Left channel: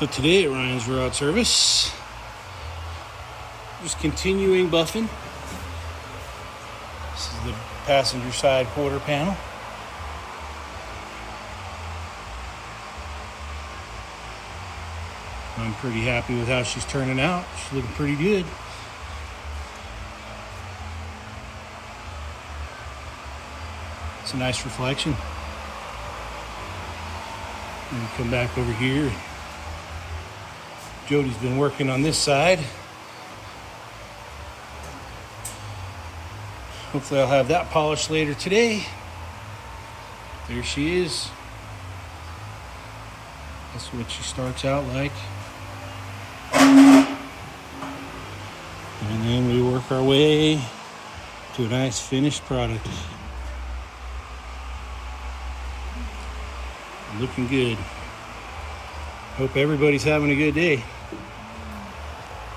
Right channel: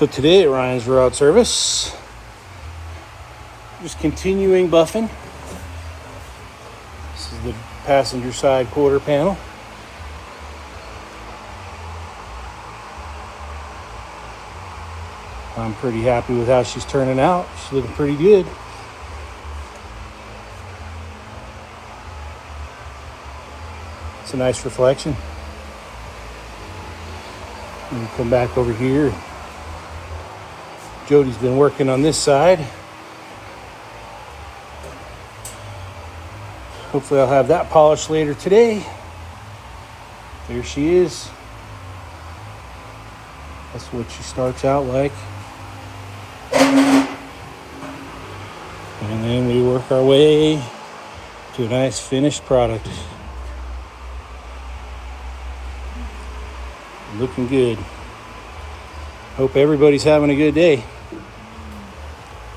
So today at Ryan's Rod Service, just continuing buffing. This is the passenger side quarter panel. I'm pretty happy with how she's turning out. She's looking pretty good. It's a nice reflection. And come back over here. Jody's been working on this side. Hopefully I'll have that polished later today. There she is. That's what she starts out like. And then we work our way to a nice finished product. Looking good. Hope everybody's having a good day.